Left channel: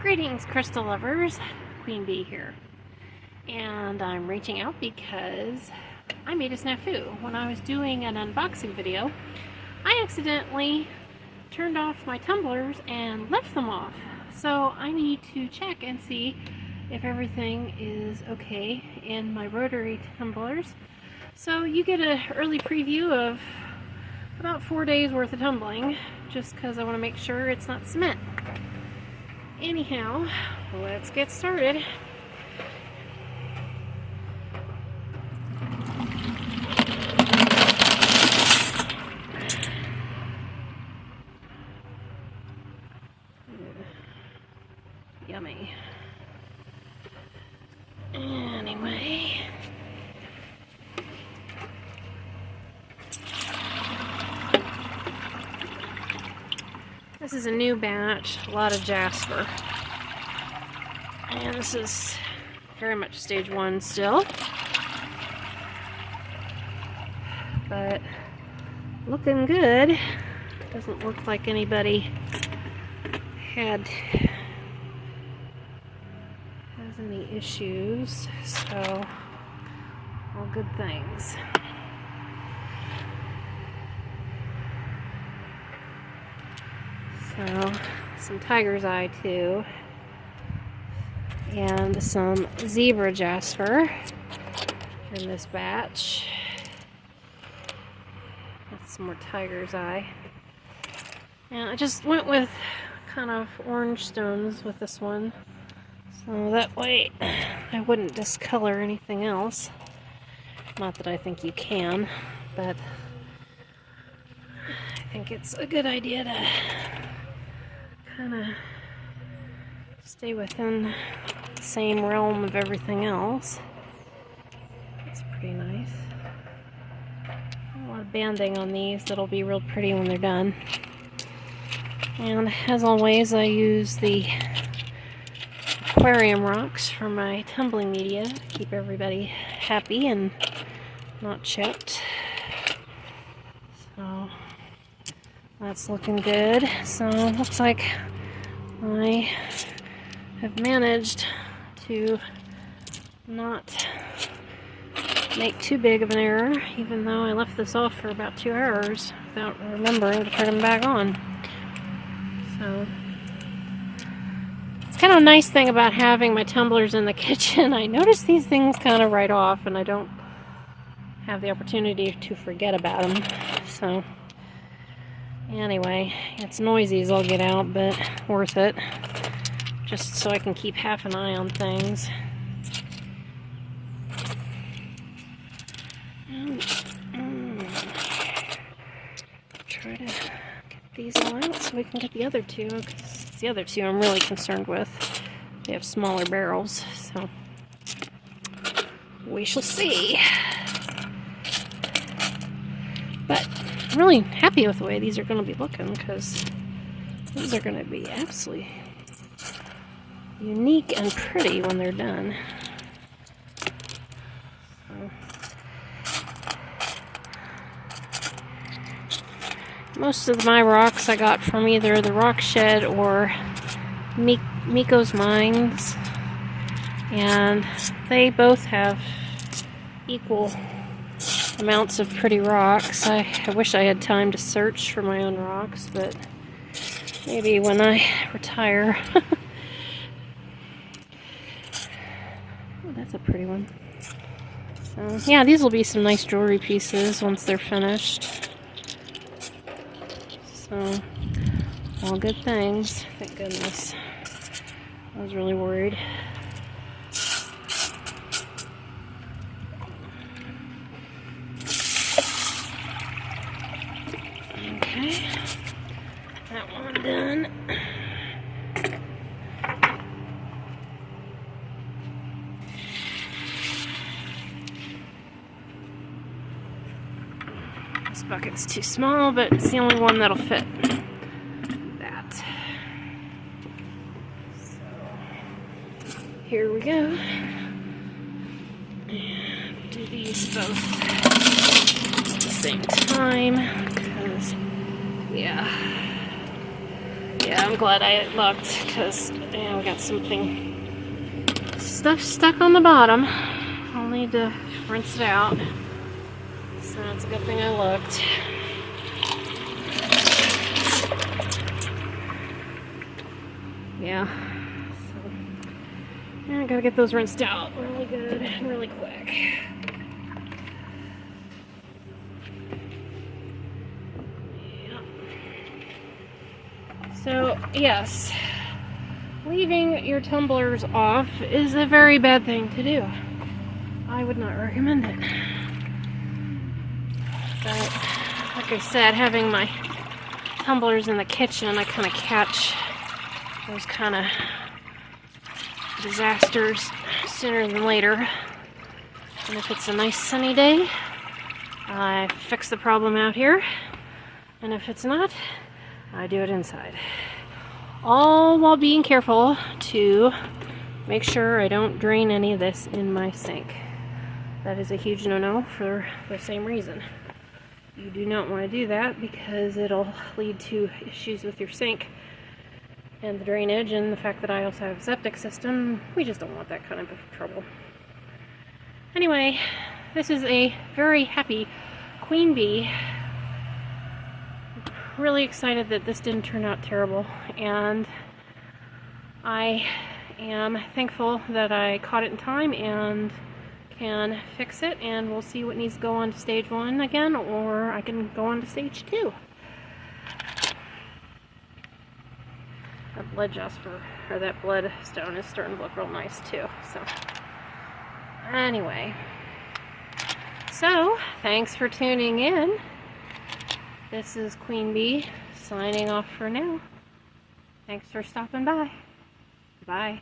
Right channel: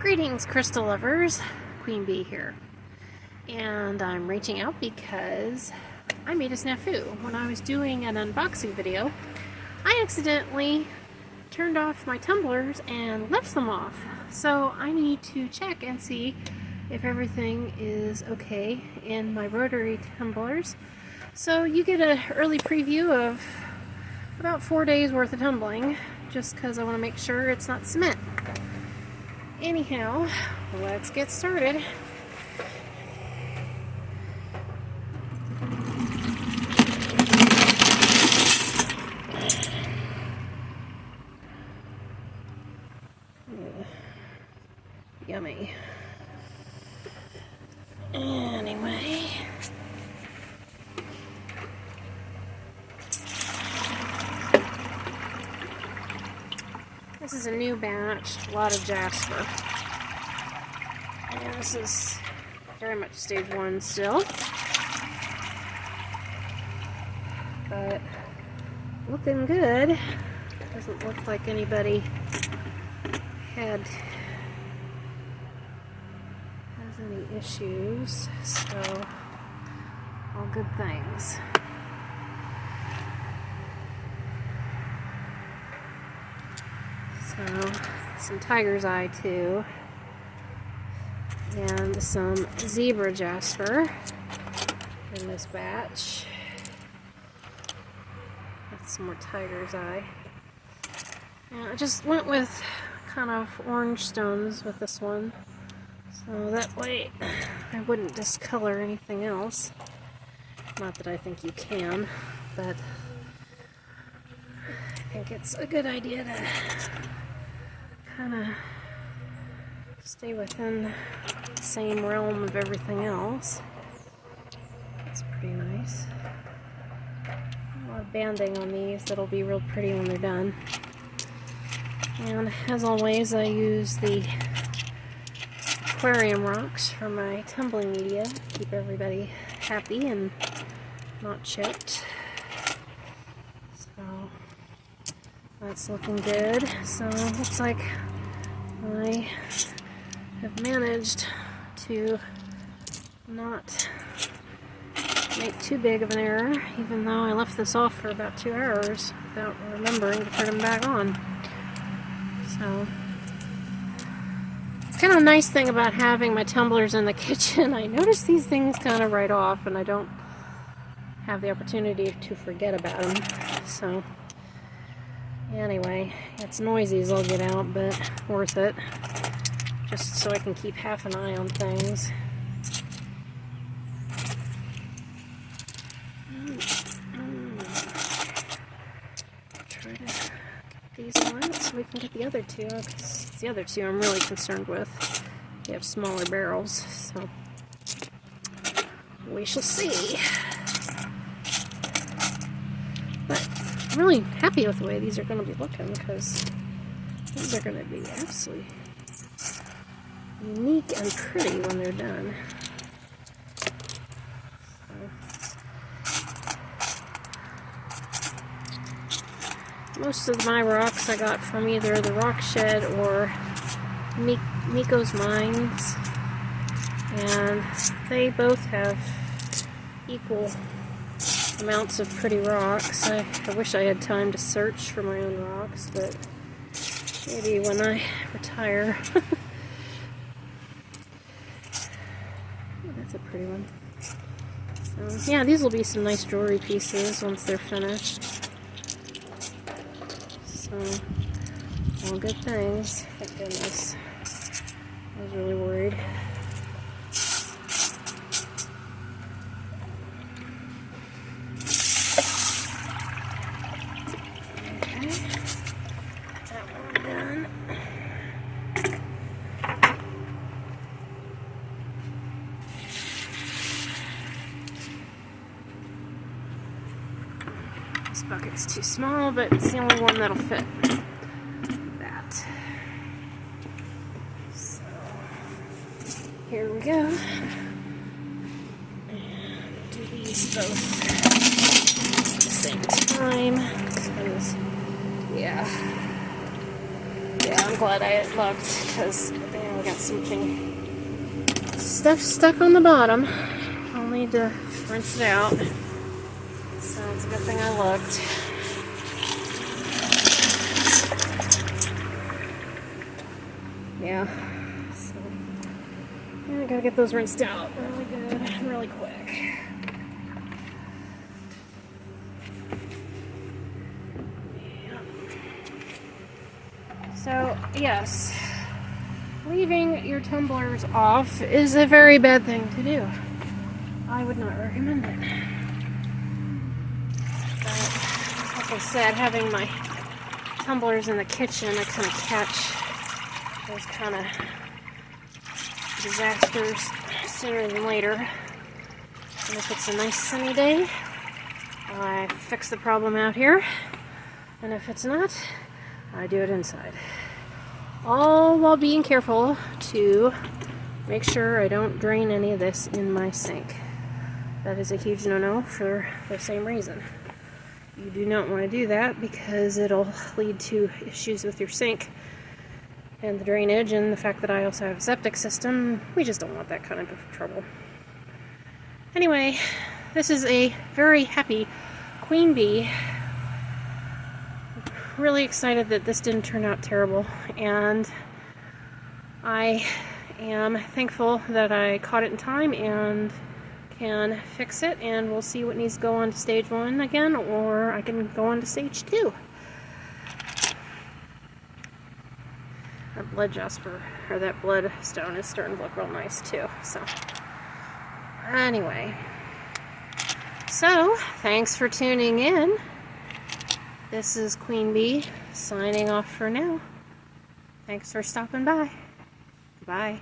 Greetings, crystal lovers. Queen Bee here. And I'm reaching out because I made a snafu. When I was doing an unboxing video, I accidentally turned off my tumblers and left them off. So I need to check and see if everything is okay in my rotary tumblers. So you get an early preview of about 4 days worth of tumbling, just because I want to make sure it's not cement. Anyhow, let's get started. Yummy. Anyway. This is a new batch, a lot of jasper. And this is very much stage 1 still. But looking good. Doesn't look like anybody has any issues, so all good things. So, some tiger's eye too, and some zebra jasper in this batch. That's some more tiger's eye. And I just went with kind of orange stones with this one, so that way I wouldn't discolor anything else. Not that I think you can, but I think it's a good idea to kind of stay within the same realm of everything else. That's pretty nice. A lot of banding on these that'll be real pretty when they're done. And as always, I use the aquarium rocks for my tumbling media to keep everybody happy and not chipped. So that's looking good. So it looks like I have managed to not make too big of an error, even though I left this off for about 2 hours without remembering to turn them back on. So it's kind of a nice thing about having my tumblers in the kitchen. I notice these things kind of right off, and I don't have the opportunity to forget about them. So anyway, it's noisy as I'll get out, but worth it. Just so I can keep half an eye on things. Try to get these out so we can get the other two, because the other two I'm really concerned with. They have smaller barrels, so we shall see. But I'm really happy with the way these are going to be looking, because these are going to be absolutely unique and pretty when they're done. So, most of my rocks I got from either the Rock Shed or Miko's Mines, and they both have equal amounts of pretty rocks. I wish I had time to search for my own rocks, but maybe when I retire. That's a pretty one. So yeah, these will be some nice jewelry pieces once they're finished. So all good things. Thank goodness. I was really worried. Okay, that one done. This bucket's too small, but it's the only one that'll fit that. So here we go. And do these both at the same time. Because, yeah, I'm glad I looked, because we got stuff stuck on the bottom. I'll need to rinse it out. So it's a good thing I looked. Yeah. So I gotta get those rinsed out really good and really quick. Yeah. So yes, leaving your tumblers off is a very bad thing to do. I would not recommend it. But like I said, having my tumblers in the kitchen, I kind of catch those kind of disasters sooner than later. And if it's a nice sunny day, I fix the problem out here. And if it's not, I do it inside. All while being careful to make sure I don't drain any of this in my sink. That is a huge no-no for the same reason. You do not want to do that because it'll lead to issues with your sink and the drainage, and the fact that I also have a septic system. We just don't want that kind of trouble. Anyway, this is a very happy queen bee. Really excited that this didn't turn out terrible, and I am thankful that I caught it in time and can fix it, and we'll see what needs to go on to stage 1 again, or I can go on to stage 2. That blood jasper, or that blood stone, is starting to look real nice too. So anyway, so thanks for tuning in. This is Queen Bee signing off for now. Thanks for stopping by. Bye.